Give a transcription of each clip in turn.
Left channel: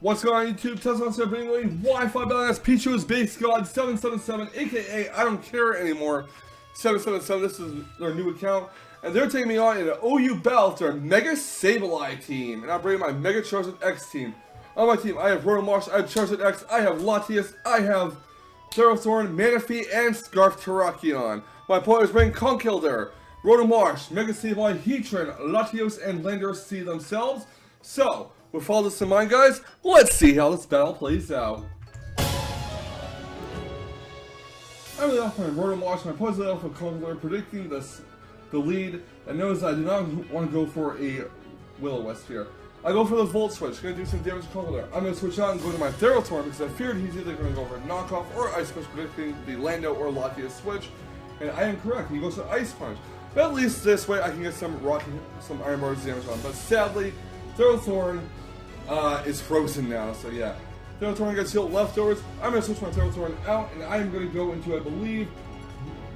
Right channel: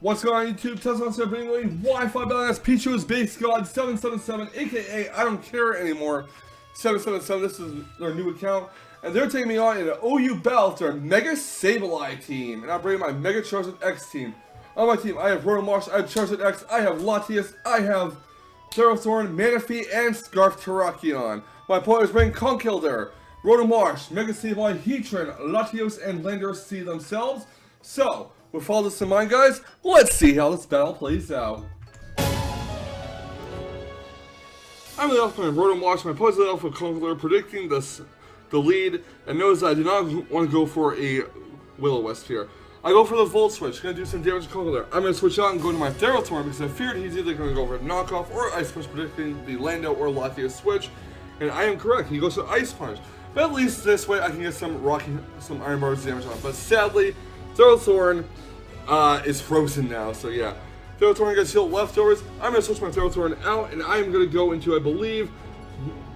What's going on YouTube? Tesla here bringing away Wi-Fi Battle. That's Pichu's Base God 777, aka I don't care anymore 777. This is their new account, and they're taking me on in an OU battle to their Mega Sableye team, and I'm bringing my Mega Charizard X team. On my team, I have Rotomarsh, I have Charizard X, I have Latias, I have Thorn, Manaphy, and Scarf Terrakion. My opponent is bringing Conk, Rotomarsh, Mega Sableye, Heatran, Latios, and Landorus C themselves. So, with all this in mind, guys, let's see how this battle plays out. I'm the off my Rotomarsh, my opponent's the off with Conk, predicting the lead, and notice I did not want to go for a Will-O-Wisp here. I go for the Volt Switch, gonna do some damage to Conkeldurr. I'm gonna switch out and go to my Thorn because I feared he's either gonna go for a knockoff or Ice Punch, predicting the Lando or Latias switch. And I am correct, he goes for Ice Punch. But at least this way I can get some Iron Bars damage on. But sadly, Thorn is frozen now, so yeah. Thorn gets healed leftovers. I'm gonna switch my Thorn out, and I am gonna go into, I believe,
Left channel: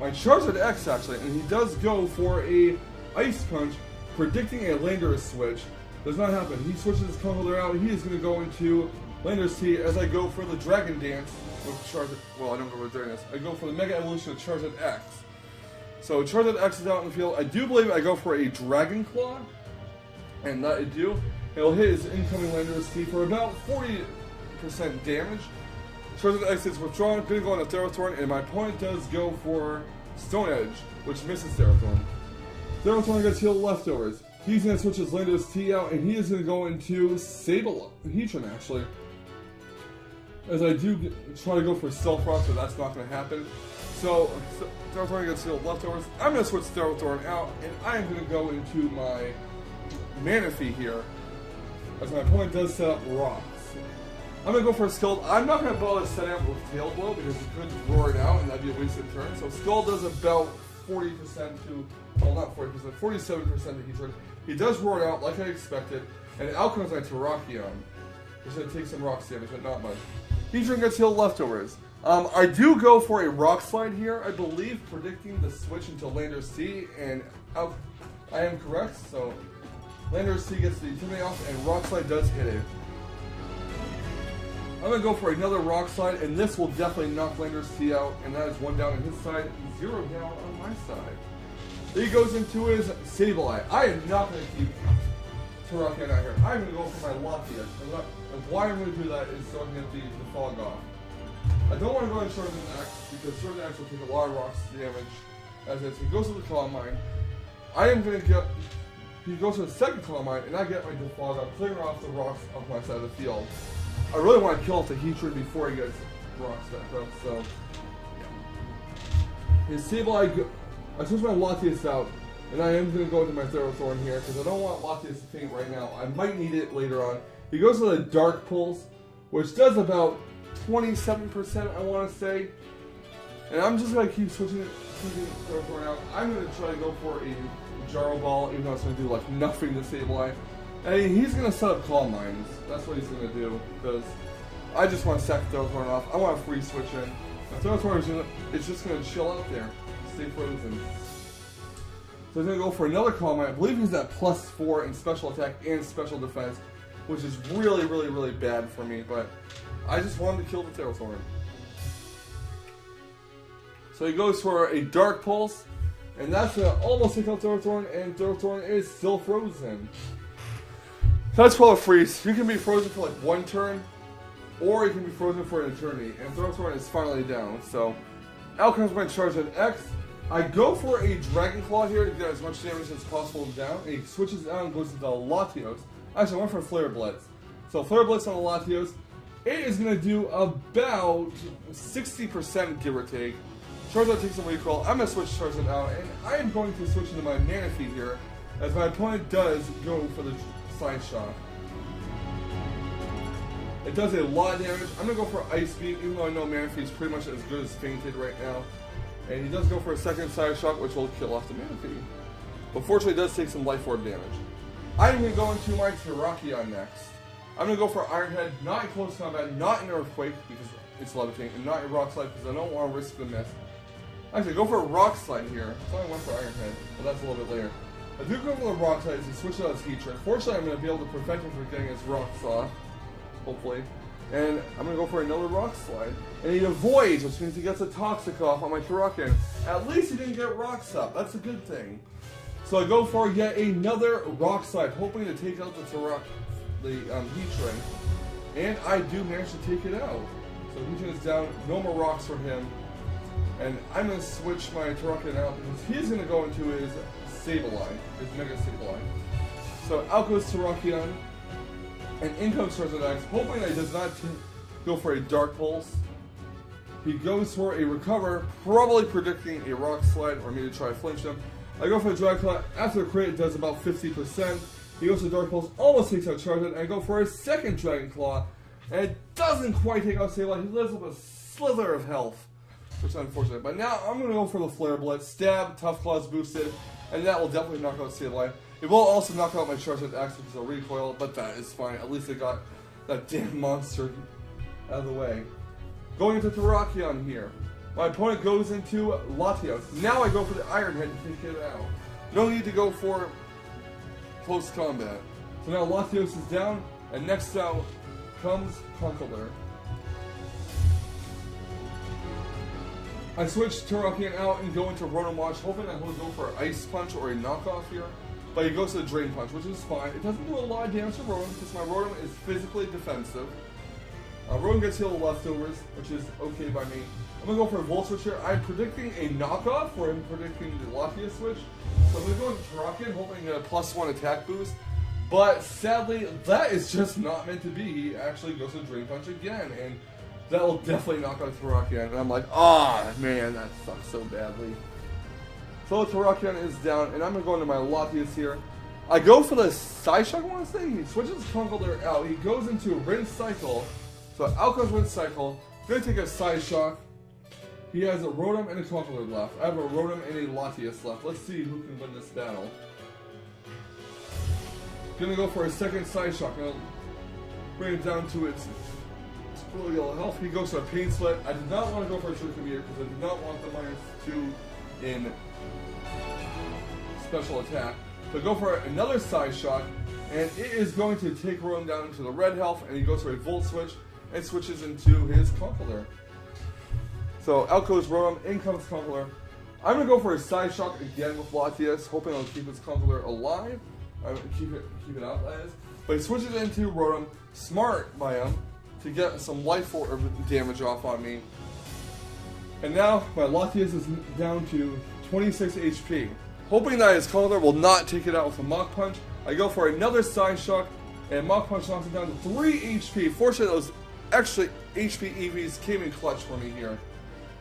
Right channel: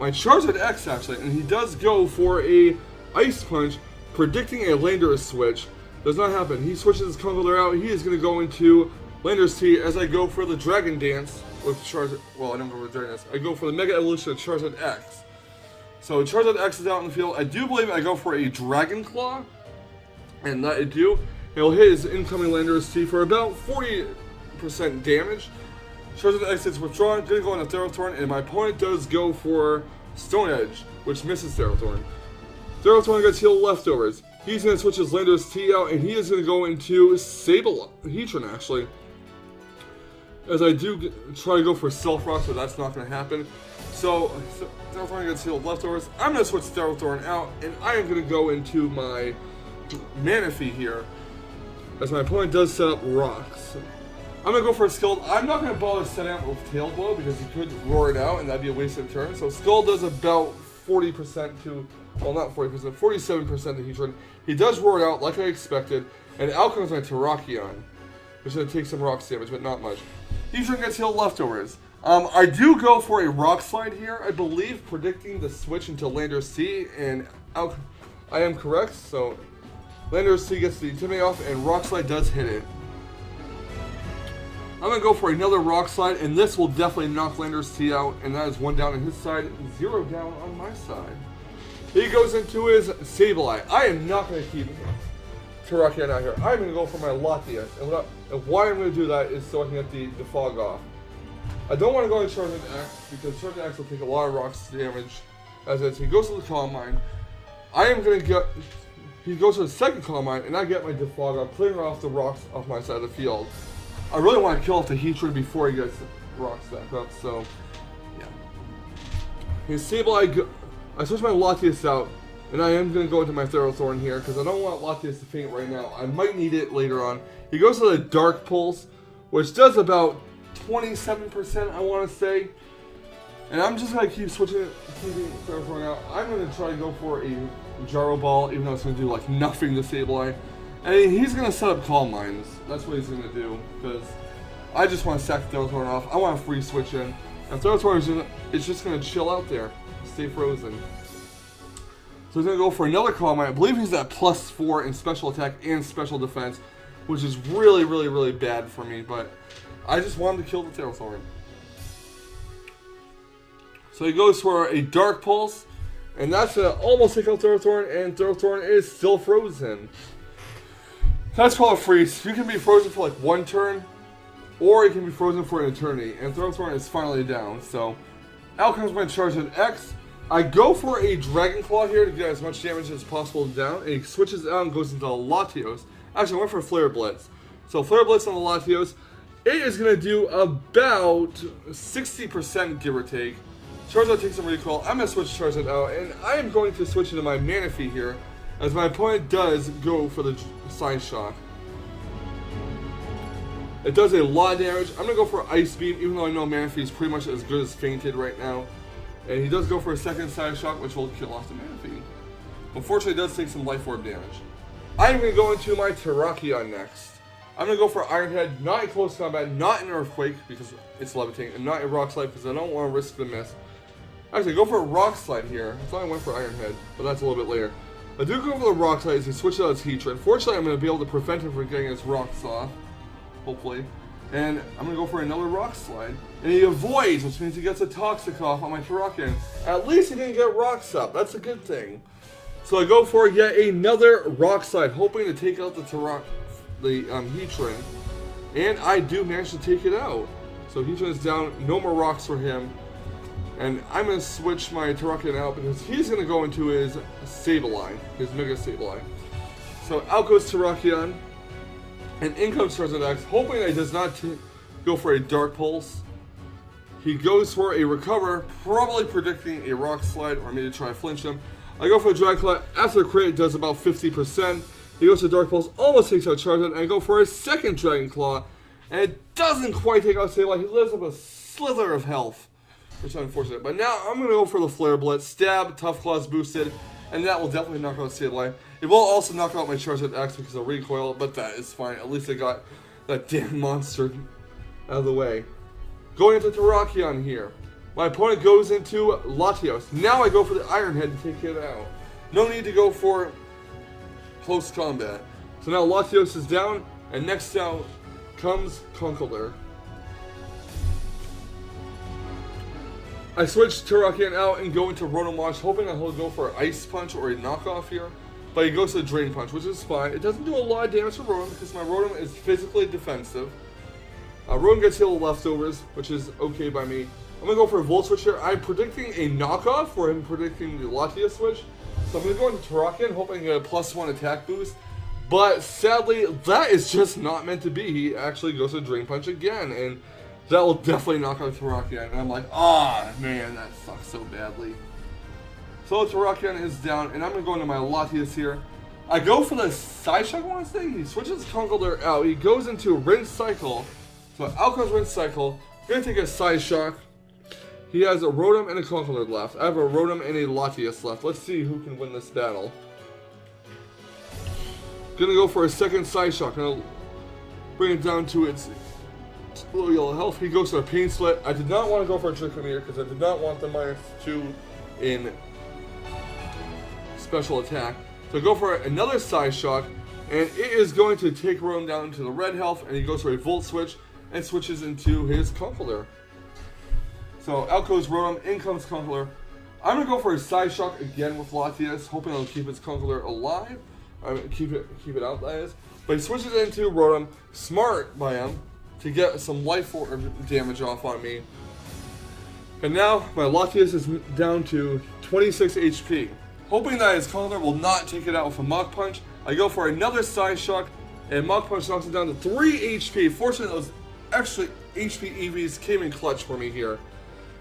my Charizard X actually, and he does go for a Ice Punch, predicting a Landorus switch. Does not happen. He switches his Conkeldurr out. He is going to go into Landorus T as I go for the Dragon Dance with Charizard. Well, I don't go for the Dragon Dance. I go for the Mega Evolution of Charizard X. So Charizard X is out in the field. I do believe I go for a Dragon Claw, and that I do. It'll hit his incoming Landorus T for about 40% damage. Charizard X is withdrawn. Going to go into Thorn, and my opponent does go for Stone Edge, which misses Thorn. Thorn gets healed leftovers. He's going to switch his Landorus T out, and he is going to go into Sableye, Heatran actually. As I do try to go for Stealth Rock, but that's not going to happen. So, Thorn gets healed leftovers. I'm going to switch Thorn out, and I am going to go into my Manaphy here. As my opponent does set up rocks. I'm going to go for a Skull. I'm not going to bother setting up with Tail Blow, because he could roar it out, and that'd be a wasted turn. So Skull does about 40% to... Well, not 40%, 47% to Heatran. He does roar it out like I expected, and out comes my Terrakion. Which going to take some rocks damage, but not much. Heatran gets healed leftovers. I do go for a Rock Slide here, I believe, predicting the switch into Landorus T, and out. I am correct, so Landorus T gets the Intimidate off, and Rock Slide does hit it. I'm going to go for another Rock Slide, and this will definitely knock Landorus T out, and that is 1 down on his side, 0 down on my side. He goes into his Sableye. I am not going to keep Terrakion out here. I'm going to go for my Latias. And why I'm going to do that is so I can get the Fog off. I don't want to go to Charizard X because Charizard X will take a lot of rocks damage. As he goes to the Calm Mind. I am going to get... He goes to the second Calm Mind, and I get my Defog off, clearing off the rocks off my side of the field. I really want to kill off the Heatran before he gets rocks back up, so... Yeah. His Sableye... I switch my Latias out, and I am going to go into my Thorn here, because I don't want Latias to faint right now. I might need it later on. He goes to the Dark Pulse, which does about 27%, I want to say. And I'm just going to keep switching Thorn out. I'm going to try to go for a Gyro Ball, even though it's going to do like nothing to Sableye. And he's going to set up Calm Minds. That's what he's going to do, because I just want to sack Thorn off. I want a free switch in. And Thorn is just going to chill out there. Stay frozen. So he's going to go for another Calm Mind. I believe he's at +4 in special attack and special defense, which is really, really, really bad for me, but I just want him to kill the Thorn. So he goes for a Dark Pulse, and that's going to almost take out Thorn, and Thorn is still frozen. That's called a freeze. You can be frozen for like 1 turn, or you can be frozen for an eternity, and Thorn is finally down, so out comes my Charizard X. I go for a Dragon Claw here to get as much damage as possible down. And he switches out and goes into Latios. Actually, I went for Flare Blitz. So Flare Blitz on the Latios. It is going to do about 60% give or take. Charizard takes some recoil. I'm going to switch Charizard out. And I am going to switch into my Manaphy here, as my opponent does go for the Side Shock. It does a lot of damage. I'm going to go for Ice Beam, even though I know Manaphy is pretty much as good as Fainted right now. And he does go for a second Side Shock, which will kill off the Manaphy. Unfortunately, it does take some Life Orb damage. I'm going to go into my Terrakion next. I'm going to go for Iron Head, not in close combat, not in Earthquake, because it's levitating, and not in Rock Slide, because I don't want to risk the miss. Actually, go for a Rock Slide here. I thought I went for Iron Head, but that's a little bit later. I do go for the Rock Slide as he switches out his Heatran. Fortunately, I'm going to be able to prevent him from getting his Rocks off. hopefully. And I'm going to go for another Rock Slide. And he avoids, which means he gets a Toxic off on my Terrakion. At least he didn't get Rocks up. That's a good thing. So I go for yet another Rock Slide, hoping to take out the Heatran. And I do manage to take it out. So Heatran is down, no more rocks for him. And I'm going to switch my Terrakion out because he's going to go into his Sableye, his Mega Sableye. So out goes Terrakion, and in comes Charizard X, hoping that he does not go for a Dark Pulse. He goes for a Recover, probably predicting a Rock Slide or maybe try to flinch him. I go for a Dragon Claw. After the crit, it does about 50%. He goes to Dark Pulse, almost takes out Charizard, and I go for a second Dragon Claw, and it doesn't quite take out Sableye. He lives up a slither of health, which is unfortunate. But now I'm going to go for the Flare Blitz. Stab, Tough Claws boosted, and that will definitely knock out Sableye. It will also knock out my Charizard X because of recoil, but that is fine. At least I got that damn monster out of the way. Going into Terrakion here. My opponent goes into Latios. Now I go for the Iron Head to take it out. No need to go for close combat. So now Latios is down, and next out comes Conkeldurr. I switch Terrakion out and go into Rotom Wash, hoping that he'll go for Ice Punch or a knockoff here. But he goes to the Drain Punch, which is fine. It doesn't do a lot of damage to Rotom because my Rotom is physically defensive. Rotom gets healed leftovers, which is okay by me. I'm going to go for a Volt Switch here. I'm predicting a knockoff for him predicting the Latios switch. So I'm going to go into Terrakion, hoping to get a +1 attack boost. But sadly, that is just not meant to be. He actually goes to Drain Punch again, and that will definitely knock out Terrakion. And I'm like, man, that sucks so badly. So Terrakion is down, and I'm going to go into my Latios here. I go for the Side Shock, I want to say. He switches Conkeldurr out. He goes into Rinse Cycle. So out comes Rinse Cycle. Going to take a Side Shock. He has a Rotom and a Conkeldurr left. I have a Rotom and a Latios left. Let's see who can win this battle. Gonna go for a second Side Shock. Gonna bring it down to its low yellow health. He goes for a Pain Split. I did not want to go for a Trick Meter because I did not want the -2 in special attack. So go for another Side Shock, and it is going to take Rotom down to the red health, and he goes for a Volt Switch and switches into his Conkeldurr. So out goes Rotom, in comes Conkeldurr. I'm going to go for a Side Shock again with Latios, hoping it'll keep its Conkeldurr alive. Keep it out, that is. But he switches into Rotom, smart by him, to get some life damage off on me. And now my Latios is down to 26 HP. Hoping that his Conkeldurr will not take it out with a Mach Punch, I go for another Side Shock, and Mach Punch knocks it down to 3 HP. Fortunately, those extra HP EVs came in clutch for me here.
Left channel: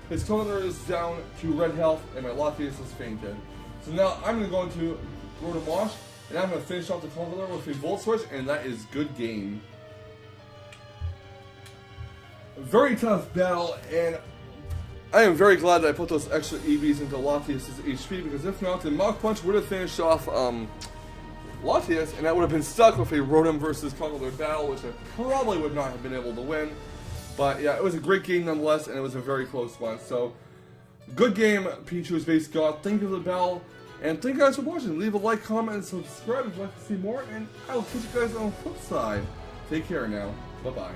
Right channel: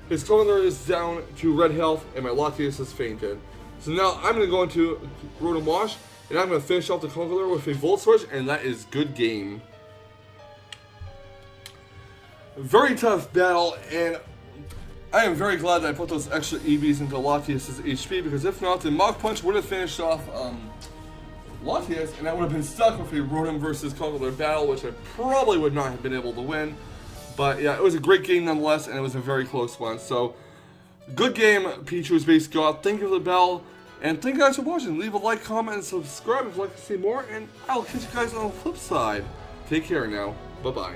His Conkeldurr is down to red health, and my Latios is fainted. So now I'm going to go into Rotom Wash, and I'm going to finish off the Conkeldurr with a Volt Switch, and that is good game. Very tough battle, and I am very glad that I put those extra EVs into Latios' HP, because if not, then Mach Punch would have finished off Latios, and I would have been stuck with a Rotom versus Conkeldurr battle, which I probably would not have been able to win. But yeah, it was a great game nonetheless, and it was a very close one. So, good game, Pichu's Base God. Thank you for the battle, and thank you guys for watching. Leave a like, comment, and subscribe if you'd like to see more, and I'll catch you guys on the flip side. Take care now. Bye-bye.